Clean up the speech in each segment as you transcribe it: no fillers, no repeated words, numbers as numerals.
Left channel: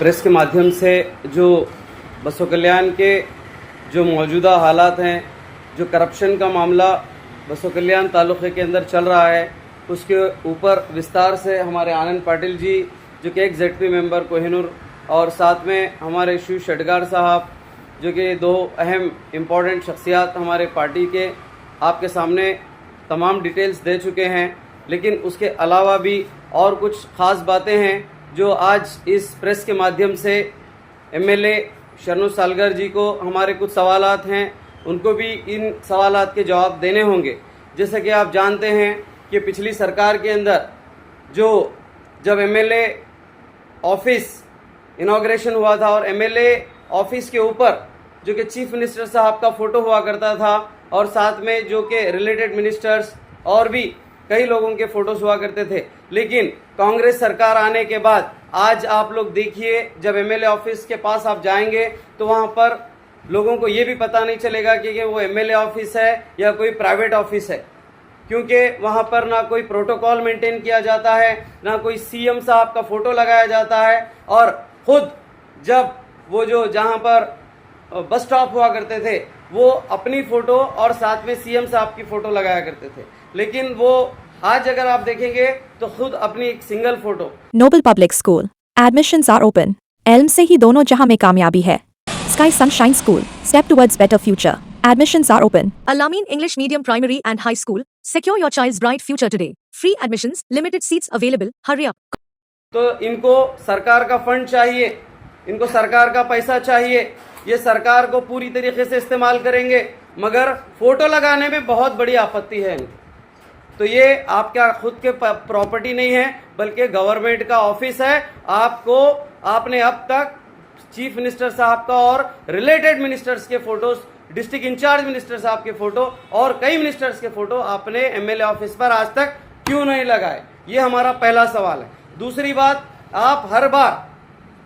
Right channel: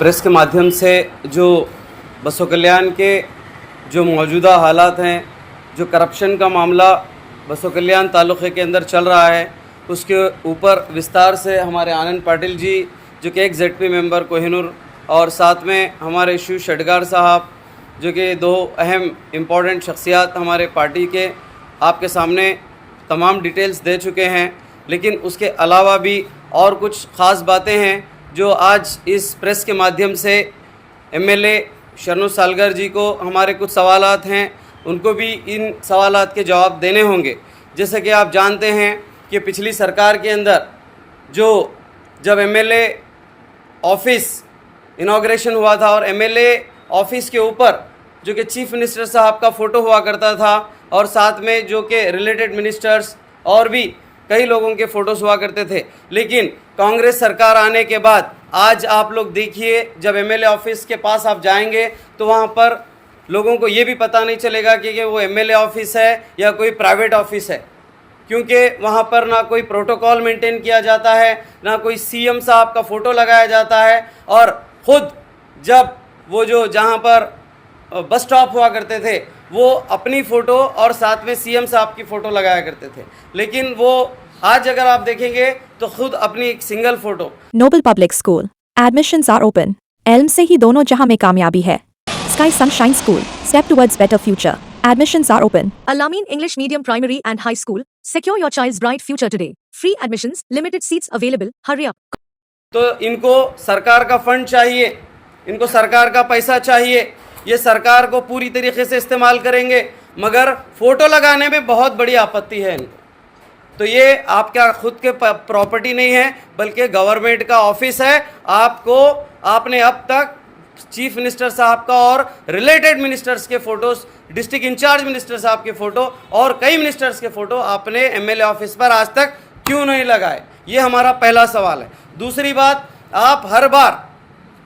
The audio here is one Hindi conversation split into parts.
प्रेस के माध्यम से जो बसों कल्याण के जो मौजूदा हालात हैं, जो करप्शन का मामला बसों कल्याण तालुक़े के अंदर चल रहा है, उसके ऊपर विस्तार से हमारे आनंद पाटिल जी जो कि एक ZP मेंबर कोहिनूर और साथ में हमारे शिव शेटगार साहब जो कि दो अहम इम्पॉर्टेंट शख्सियात हमारे पार्टी के आपके सामने तमाम डिटेल्स दे चुके हैं। लेकिन उसके अलावा भी और कुछ ख़ास बातें हैं जो आज इस प्रेस के माध्यम से MLA शरणु सालगर जी को हमारे कुछ सवालात हैं, उनको भी इन सवालात के जवाब देने होंगे। जैसे कि आप जानते हैं कि पिछली सरकार के अंदर जब MLA ऑफिस इनाग्रेशन हुआ था और MLA ऑफिस के ऊपर जो कि चीफ मिनिस्टर साहब का फ़ोटो हुआ करता था और साथ में जो कि रिलेटेड मिनिस्टर्स और भी कई लोगों के फ़ोटोज़ हुआ करते थे। लेकिन कांग्रेस सरकार आने के बाद आज आप लोग देखिए, जब MLA ऑफिस के पास आप जाएंगे तो वहाँ पर लोगों को ये भी पता नहीं चलेगा कि वो MLA ऑफिस है या कोई प्राइवेट ऑफिस है, क्योंकि वहाँ पर ना कोई प्रोटोकॉल मेंटेन किया जाता है, ना कोई CM साहब का फ़ोटो लगाया जाता है। और ख़ुद जब वो जो जहाँ पर बस स्टॉप हुआ करते थे वो अपनी फ़ोटो और साथ में CM साहब की फ़ोटो लगाया करते थे, लेकिन वो आज अगर आप देखेंगे तो खुद अपनी एक single photo. Noble Public School admissions are open. एल्म से ही दोनों जहां में कामयाबी है। Sky Sunshine School step towards better future. Admissions are open. Al-Amin English Medium Primary and High School. Secure your child's bright future today. Free admissions, limited seats available. Hurry up. तो इनको सरकार का फंड चाहिए, इनको सरकार का पैसा चाहिए, ये सरकार को पूरी तरीके से इस्तेमाल करेंगे, मगर फ़ोटो लगाने में बहुत बड़ी आपत्ति है इनको। तो ये आपका खुद के प्रॉपर्टी नहीं है बल्कि गवर्नमेंट का ऑफिस है। आपने अब तक चीफ मिनिस्टर साहब का और रिलेटेड मिनिस्टर्स के फ़ोटोज़, डिस्ट्रिक्ट इंचार्ज मिनिस्टर साहब के फ़ोटो और कई मिनिस्टर्स के फ़ोटो आपने MLA ऑफिस पर आज तक क्यों नहीं लगाए? ये हमारा पहला सवाल है। दूसरी बात, आप हर बार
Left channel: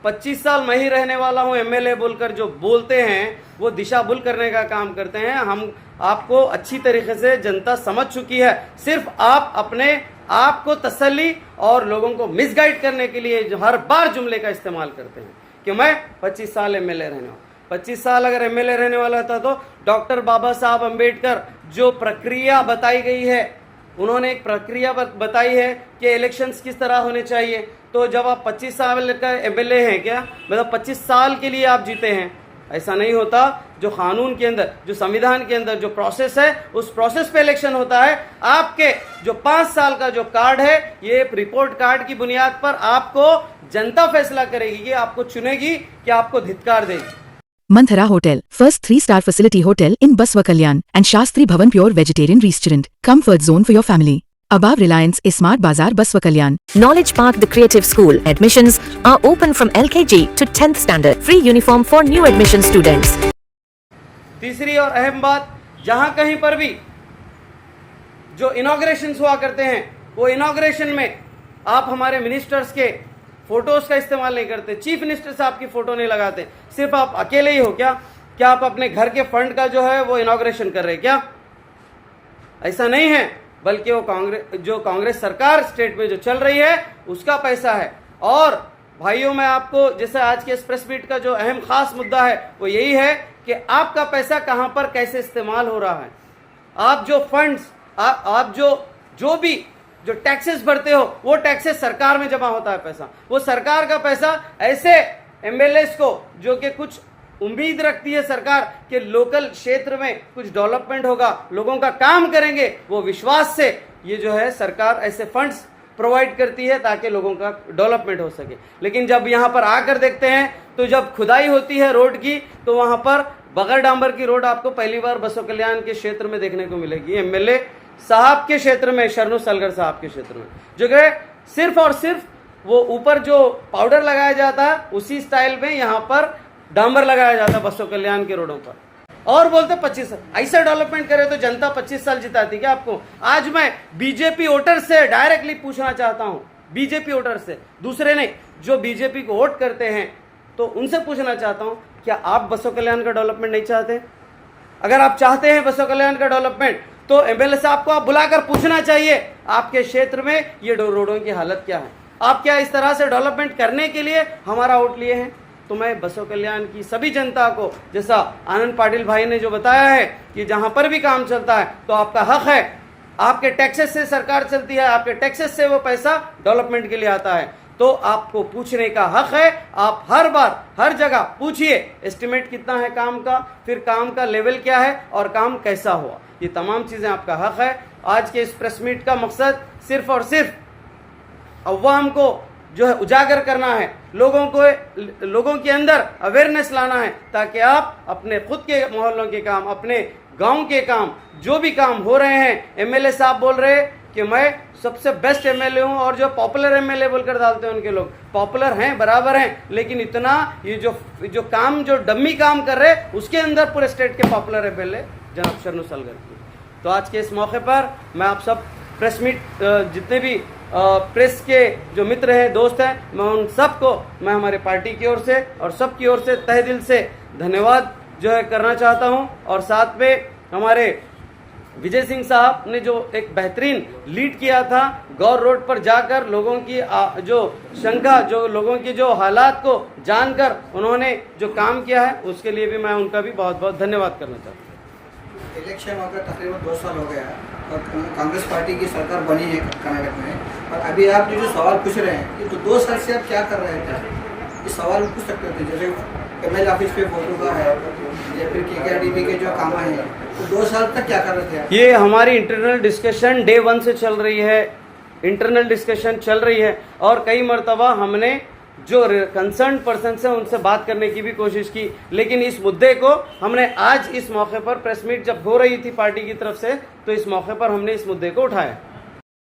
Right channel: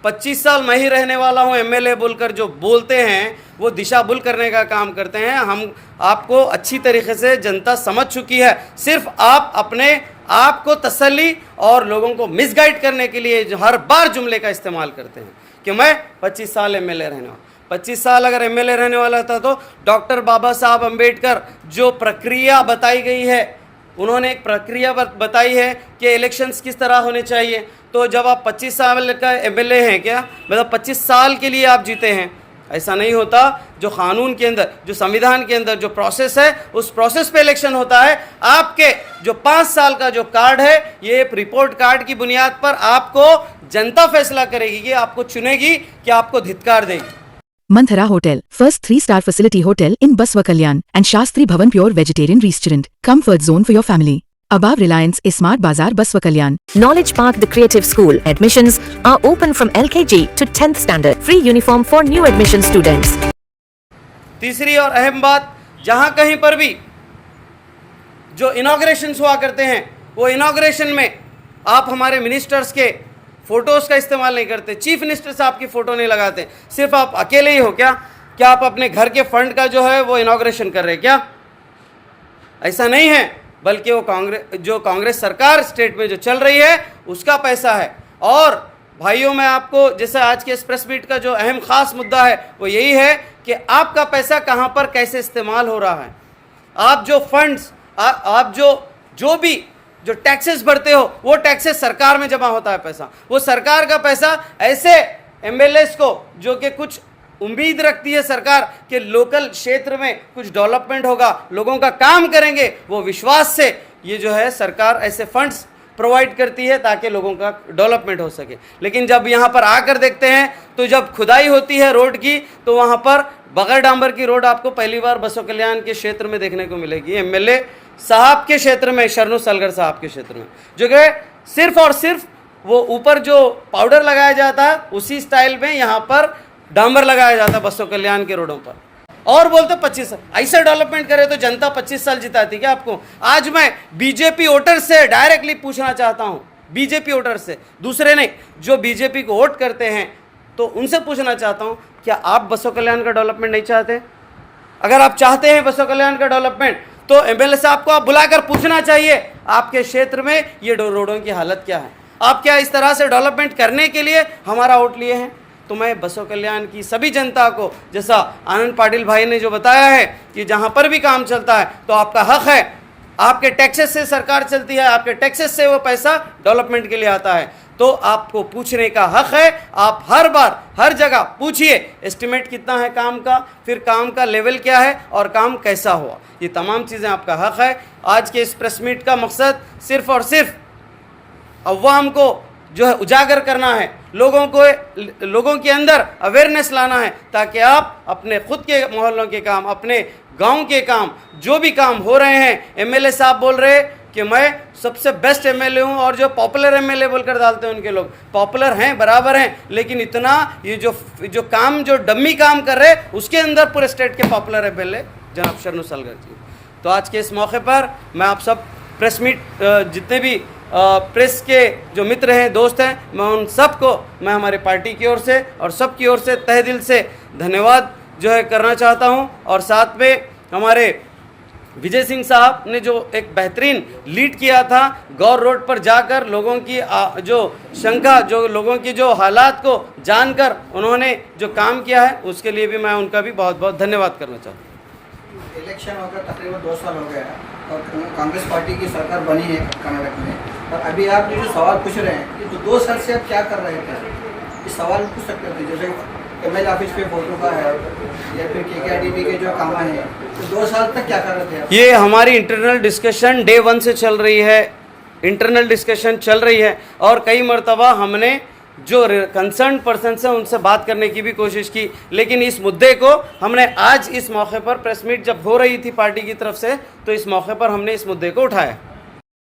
25 साल मैं ही रहने वाला हूँ MLA बोलकर जो बोलते हैं वो दिशा भूल करने का काम करते हैं। हम आपको अच्छी तरीके से जनता समझ चुकी है, सिर्फ आप अपने आप को तसल्ली और लोगों को मिसगाइड करने के लिए जो हर बार जुमले का इस्तेमाल करते हैं कि मैं 25 साल MLA रहने वाला। 25 साल अगर MLA रहने वाला था तो डॉक्टर बाबा साहब अम्बेडकर जो प्रक्रिया बताई गई है, उन्होंने एक प्रक्रिया बताई है कि इलेक्शंस किस तरह होने चाहिए। तो जब आप 25 साल का MLA हैं, क्या मतलब 25 साल के लिए आप जीते हैं? ऐसा नहीं होता। जो कानून के अंदर, जो संविधान के अंदर जो प्रोसेस है, उस प्रोसेस पे इलेक्शन होता है। आपके जो 5 साल का जो कार्ड है, ये रिपोर्ट कार्ड की बुनियाद पर आपको जनता फैसला करेगी कि आपको चुनेगी कि आपको धिक्कार देगी। Manthara Hotel, first 3-star facility hotel in Baswa Kalyan and Shastri Bhavan Pure Vegetarian Restaurant. Comfort zone for your family. Above Reliance Smart Bazaar, Baswa Kalyan. Knowledge Park, the Creative School. Admissions are open from LKG to 10th standard. Free uniform for new admission students. तीसरी और अहम बात, जहां कहीं पर भी जो इनॉग्रेशंस हुआ करते हैं, वो इनॉग्रेशन में आप हमारे मिनिस्टर्स के फ़ोटोज़ का इस्तेमाल नहीं करते, चीफ मिनिस्टर साहब की फ़ोटो नहीं लगाते। सिर्फ आप अकेले ही हो क्या आप अपने घर के फंड का जो है वो इनॉग्रेशन कर रहे हैं क्या? ऐसा नहीं है, बल्कि वो कांग्रेस सरकार स्टेट में जो चल रही है उसका पैसा है। और भाइयों, मैं आपको जैसे आज के इस प्रेस मीट का जो अहम ख़ास मुद्दा है वो यही है कि आपका पैसा कहाँ पर कैसे इस्तेमाल हो रहा है। आप जो फंड्स, आप जो भी जो टैक्सेस भरते हो, वो टैक्सेस सरकार में जमा होता है पैसा। वो सरकार का पैसा ऐसे MLAs को जो कि कुछ उम्मीद रखती है सरकार कि लोकल क्षेत्र में कुछ डेवलपमेंट होगा, लोगों का काम करेंगे, वो विश्वास से ये जो है सरकार ऐसे फंड्स प्रोवाइड करती है ताकि लोगों का डेवलपमेंट हो सके। लेकिन जब यहाँ पर आकर देखते हैं तो जब खुदाई होती है रोड की, तो वहाँ पर बगैर डांबर की रोड आपको पहली बार बसों कल्याण के क्षेत्र में देखने को मिलेगी। MLA साहब के क्षेत्र में, शरणु सालगर साहब के क्षेत्र में, जो कि सिर्फ और सिर्फ वो ऊपर जो पाउडर लगाया जाता है उसी स्टाइल में यहाँ पर डांबर लगाया जाता है बसों कल्याण के रोडों पर, और बोलते 25 साल। ऐसा डेवलपमेंट करे तो जनता 25 साल जिताती क्या आपको? आज मैं BJP वोटर से डायरेक्टली पूछना चाहता हूँ, BJP वोटर से, दूसरे नहीं, जो BJP को वोट करते हैं, तो उनसे पूछना चाहता हूँ, क्या आप बसों कल्याण का डेवलपमेंट नहीं चाहते? अगर आप चाहते हैं बसों कल्याण का डेवलपमेंट तो MLA साहब को आप बुलाकर पूछना चाहिए आपके क्षेत्र में ये रोडों की हालत क्या है। आप क्या इस तरह से डेवलपमेंट करने के लिए हमारा वोट लिए हैं? तो मैं बसव कल्याण की सभी जनता को, जैसा आनंद पाटिल भाई ने जो बताया है कि जहाँ पर भी काम चलता है तो आपका हक है, आपके टैक्सेस से सरकार चलती है, आपके टैक्सेस से वो पैसा डेवलपमेंट के लिए आता है, तो आपको पूछने का हक है। आप हर बार हर जगह पूछिए एस्टिमेट कितना है काम का, फिर काम का लेवल क्या है और काम कैसा हुआ, ये तमाम चीज़ें आपका हक है। आज के इस प्रेस मीट का मकसद सिर्फ और सिर्फ अवाम को जो है उजागर करना है, लोगों के अंदर अवेयरनेस लाना है, ताकि आप अपने खुद के मोहल्लों के काम, अपने गांव के काम, जो भी काम हो रहे हैं, एमएलए साहब बोल रहे कि मैं सबसे बेस्ट एमएलए हूं, और जो पॉपुलर एमएलए बोलकर डालते हैं उनके लोग पॉपुलर हैं, बराबर हैं, लेकिन इतना ये जो काम जो डम्मी काम कर रहे उसके अंदर पूरे स्टेट के पॉपुलर एमएलए जनाब शरणु सलगती। तो आज के इस मौके पर मैं आप सब प्रेस मीट जितने भी प्रेस के जो मित्र हैं, दोस्त हैं, मैं उन सबको मैं हमारी पार्टी की ओर से और सब की ओर से तहे दिल से धन्यवाद जो है करना चाहता हूं। और साथ में हमारे विजय सिंह साहब ने जो एक बेहतरीन लीड किया था, गौर रोड पर जाकर लोगों की जो शंका, जो लोगों की जो हालात को जानकर उन्होंने जो काम किया है, उसके लिए भी मैं उनका भी बहुत बहुत धन्यवाद करना चाहता हूँ। इलेक्शन होकर तकरीबन 2 साल हो गया और कांग्रेस पार्टी की सरकार बनी है कर्नाटक में, और अभी आप जो सवाल पूछ रहे हैं कि तो 2 साल से आप क्या कर रहे हैं, क्या इस सवाल पूछ सकते थे। जैसे एमएलए ऑफिस पे फोटो का है या फिर केकेआरडीबी के जो काम हैं, तो 2 साल तक क्या कर रहे थे आप? ये हमारी इंटरनल डिस्कशन डे 1 से चल रही है, इंटरनल डिस्कशन चल रही है, और कई मरतबा हमने जो कंसर्न पर्सन से उनसे बात करने की भी कोशिश की, लेकिन इस मुद्दे को हमने आज इस मौके पर प्रेस मीट जब हो रही थी पार्टी की तरफ से, तो इस मौके पर हमने इस मुद्दे को उठाया।